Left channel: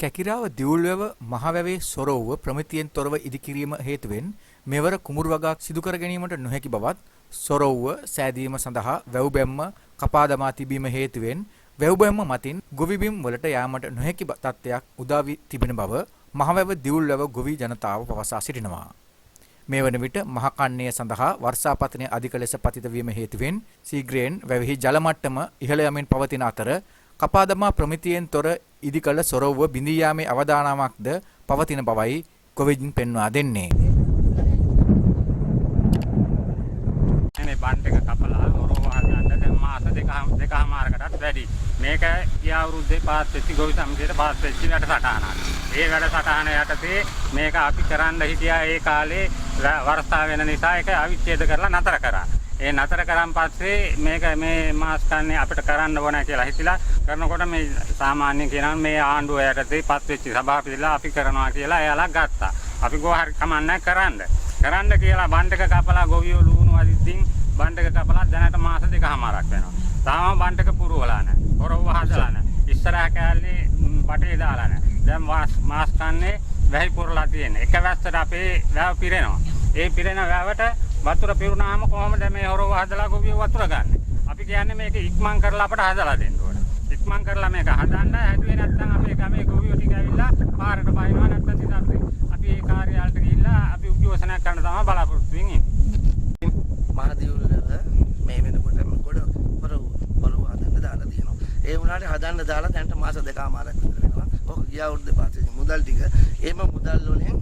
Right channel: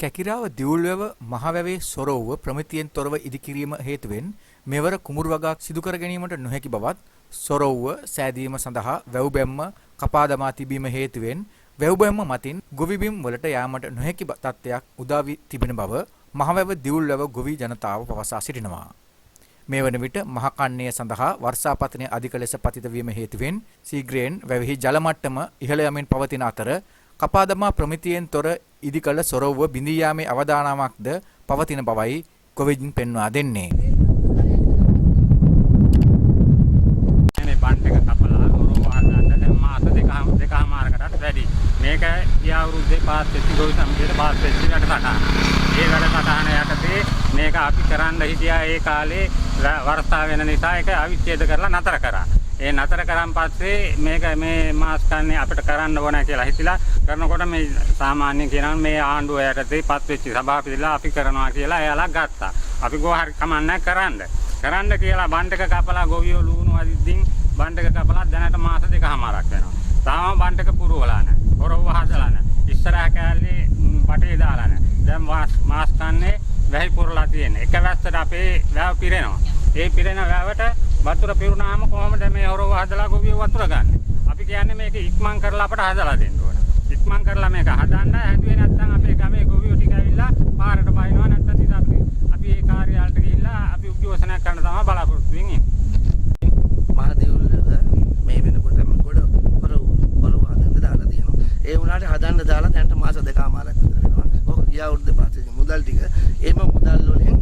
කැකිරාව දිවුල්වැව මහවැවේ සොරවුව ප්‍රමිතියෙන් තොරව ඉදිකිරීම හේතුවෙන් මෙවර කුමුරු වගාක් සිදු කර ගැනීමට නොහැකි බවත් සොරවුව සෑදීම සඳහා වැව් බැම්ම කපා දමා තිබීම හේතුවෙන් වැව් බැම්ම මතින් ගොවිබිම් වලට යාමට නොහැකි තත්ත්වයක් උදා වී තිබෙන බව මහවැව දිවුල්වැව ගොවි ජනතාව පවසා සිටිනවා. මේ වන විට මහකන්නය සඳහා වර්ෂාපතනය අධික ලෙස පතිත වීම හේතුවෙන් සීග්‍රයෙන් වැවෙහි ජල මට්ටම ඉහළ යමින් පවතින අතර කපා දමා ප්‍රමිතියෙන් තොර ඉදි කළ සොරවුව බිඳී යාමේ අවදානමක්ද පවතින බවයි ගොවින් පෙන්වා දෙන්නේ. මේ බන්ට් එක කපලා හොරව වහගන්න දැන් මාස දෙකමාරකටත් වැඩි. මේක ගිය අවුරුද්දේ පාස් වෙච්ච ගොවි සමිතියට පාස් වෙච්ච වැඩසටහන. ඒ වැඩසටහන යටතේ මේක අපි කරන්න හිටියා ඒ කාලේ වර්ෂා වෙන නිසා ඒක අවිච්ඡේද කරලා නතර කරා. ඒ නතර කරන් පස්සේ මේක මේ මාස් කන්නේ අපිට කරන්න ඕන කියලා හිතලා කරනකොට මේ සාමාන්‍යයෙන් කියනවා මේ ආණ්ඩුව යටතේ පත් වෙච්ච සභාපතිලා අපි කරනවා කියලා එයාලා ගත්තා. අපි ගෝ හරි කමන්නේ කරන්න කියලා බන්ට් එක කපලා ගොවියෝ ලුණු අදිද්දින් බන්ට් එක කපලා දැනට මාස දෙකමාරක් වෙනවා. තාම බන්ට් එක පුරවලා නැහැ. හොරව හදලා නැහැ. ඉස්සරහ කෑල්ලේ බටේ දාලා නැහැ. දැන් මාස් කන්නේ වැහි පුරලා තියෙන්නේ. එක වැස්සට අපේ වැව පිරෙනවා. ඒ පිරෙන වැවට වතුර පිරුණාම කොහොමද මේ හොරව හදලා ගොවියෝ වතුර ගන්න? අපි කියන්නේ මේක ඉක්මන් කරලා අපට හදලා දෙන්න ඕන. ඉක්මන් කරලා මේක හදන්න හැදුවේ නැත්නම් අපේ ගමේ ගොවියෝ ටික ඇවිල්ලා පාරට බහිනවා නැත්නම් ඉතින් අපි ඒ කාර්යාලයට ගිහිල්ලා අපි උද්ඝෝෂණයක් කරන්න තමයි බලාපොරොත්තු වෙන්නේ. මහදේවුල්ව මේ වෙනකොට ගොඩ පොරව හදන්න දාලා තියෙනවා. ඒ වුණාට හදන්න දාලා දැන්ට මාස දෙකමාරක් විතර වෙනවා. ඔක ගිය අවුරුද්දේ පාස්සේ මුදල් ටික එම මුදල් වලින්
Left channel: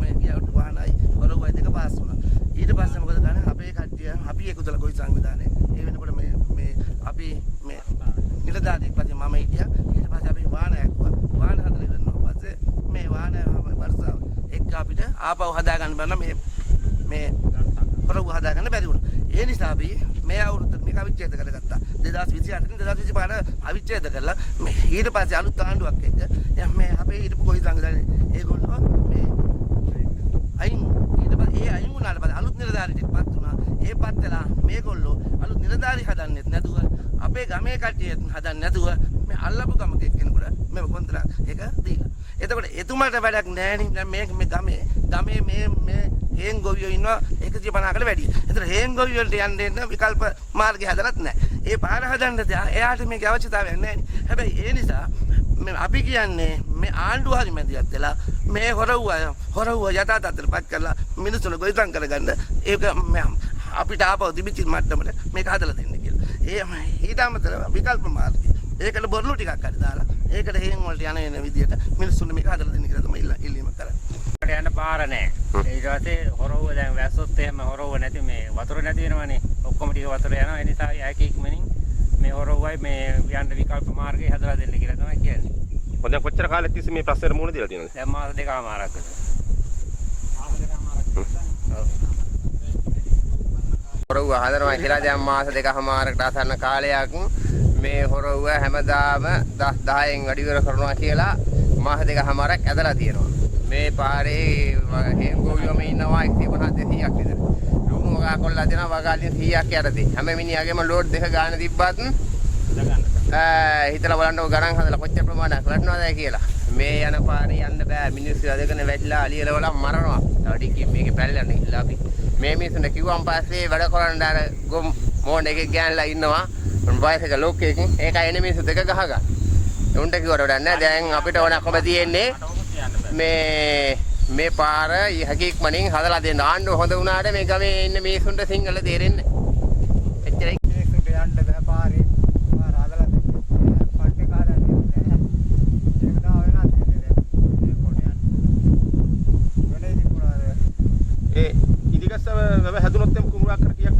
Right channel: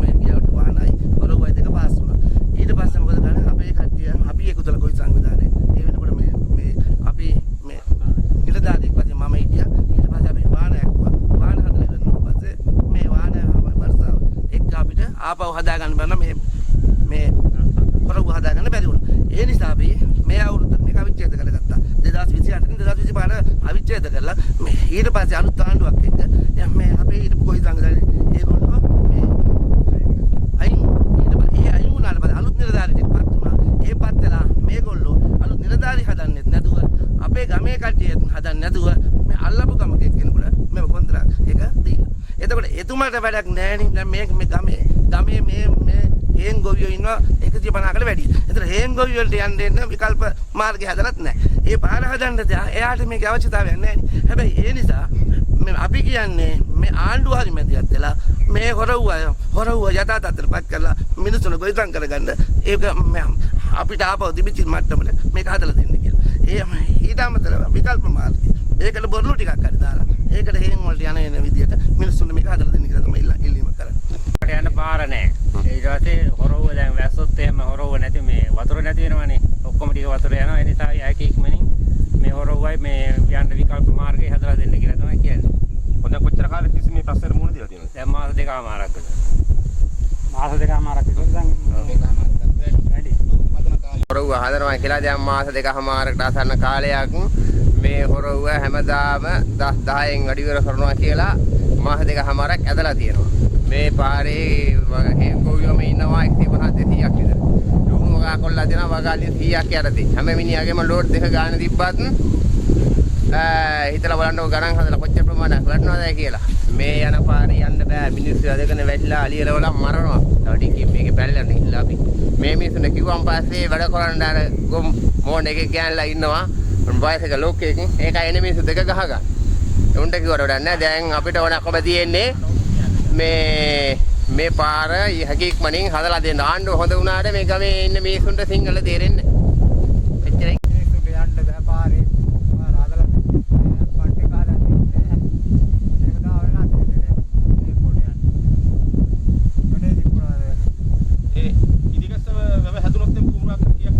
මේ ගිය අවුරුද්ද වාහනයි පොරවයි දෙක පාස් වුණා. ඊට පස්සේ මොකද කරන්නේ අපේ කට්ටිය අපි එකතුලා කොයි සංවිධානයේ ඒ වෙනකොට මේ අපි මේ නිලධාරියෙක් වශයෙන් මම හිටියා. ඊට පස්සේ අපි වාහන ඇක්කුවා. වාහන හදලා ඉවරනවා පස්සේ මේ වාහන වර්ෂාව එක්ක අපිට ආපහු හදාගන්න බැන්න මේ පොරව හදාගන්න බැරි වුණා. ඒ නිසා අපි මේ අවුරුද්දට මේක අවිච්ඡේද කරගත්තා. 2028 2025 අවිච්ඡේද කරලා ඊට පස්සේ අලුත් ආණ්ඩුවක් එක්ක මේ අපේ හිටපු කොයි සංවිධානයේ ඒගොල්ලෝ මේ අයින් ඊට පස්සේ අයින් වුණාට පස්සේ අලුත් නිලධාරියෙක් පත් වුණා. ඒ පත් වෙලා මේගොල්ලෝ අලුත් නිලධාරි හදන්නෙත් නැතුව අපේ ගමේ කට්ටිය හදන්න නැතුව මේ අල්ලපු ගමක එක්කෙනෙකුට මේ කොන්ත්‍රාත් එක දීලා. එතකොට එතුමාට වැඩක් නැහැ නේ. දැන් මේ ගමේ මේ හේන් ගොවියෝ ඉන්නවා 150කට වැඩි. ඒතර හේන් ගොවියෝ වලට යන්න විකල්ප මාර්ගය හදලත් නැහැ. ඒ පාර හදන්න එයාට මේකේ අවශ්‍යතාවයක් නැහැ නේ. හැබැයි ඒ නිසා අපි කියන්නේ මේ ආණ්ඩුව හරි මැදිහත් වෙලා මේ හොරවුව යථා තත්ත්වයටපත් කරලා මිනිස්සුන්ව ගොවිතැන් කරගන්න ඒක අපිට ආපහු දිවිචි මට්ටමට මේක හදලා දෙන්න කියලා. ඊට අමතරව විකල්ප මාර්ගය. ඒකට බොරළු ටිකක් හරි දාලා ඒකට හේන් වලට යන විදියට මිනිස්සුන්ට මේක හදලා දෙන්න කියලා තමයි ඉල්ලීම කරන්නේ. යන්න පාර නැහැ. ඊට පස්සේ හොරව දැන් වැස්සොත් එහෙම හොරව නැති මේ වතුර නැති වෙනවනේ. ඔක්කොම ටික වතුර යනවා. ඒ නිසා යකි ඉක්මනින් මේ හොරවයි මේ යන්න විකල්ප මාර්ගය හදලා දෙන්න කියලා තමයි කියන්නේ. හොඳ කොච්චර කාලෙක තිස්සේ මේ ප්‍රශ්නෙට මුහුණ දීලා තියෙනවද? දැන් මාස දෙකමාරක් විතර. මාස දෙකමාරක් විතර දැන් වැඩි. හොරව හදනවා කියලා දැන් මාස දෙකමාරකට අසන්න කාලයක් මේ හොරව හැමදාම 10න් වැඩි ඉවර කරනවා කියලා මාස දෙකමාරක් ඇදලා තියෙනවා. මේ පාරේ හේන් ගොවියෝම ඉන්නවා 150 200ක් විතර. ලුණු වගා කොල්ලා දෙනවා වගාලින් 100ක් යටතේ. හැම මිනිහාගේම ලෝඩ් දෙක ගන්න තිබ්බත් හිතලා බලන්න ගණන් හදලා කොච්චර ප්‍රමාණයක් වටනවද කියලා. මේ යන පාරේ යන්න බෑ. මිනිස්සු අදගෙන වැටිලා අලියලවලා මරනවා. තව ටිකකින් මේකේ පැලලන්න ඉල්ලා අපි. මේ මිනිස්සුන්ට කිව්වම් පස්සේ වැඩ කරන්න අර ගොම් මෝන් එකේ ගෑනලා ඉන්නවා. වයසක ලෝකයකින් ඒකයි එනේ මිනිස්සු දෙක ගහගන්න. උන්ට කිව්වට වැඩක් නෑ. දැන් අපිට ඕන කොම තියෙන්නේ මේ පාර හැකියක්මනින් හදලා දෙන්න. ආණ්ඩුව හොඳ වුණාට මේ ගමේ ඉන්න මිනිස්සුන්ට සිංහල තේරෙන්නේ නැහැ. එච්චරයි. මිනිස්සුන්ට යන්න බෑ පාරේ. පාර හදලා දෙන්න. පට්ටේ කාලා දෙන්න. ඒක තමයි වෙනත් දෙන්නේ. මේ පොඩ යන්න. වෙන්නේ ඉතින් පුරාද. ඉදිගස්ස වැව හැදුනොත් එම් කුමුරක් කර කියක්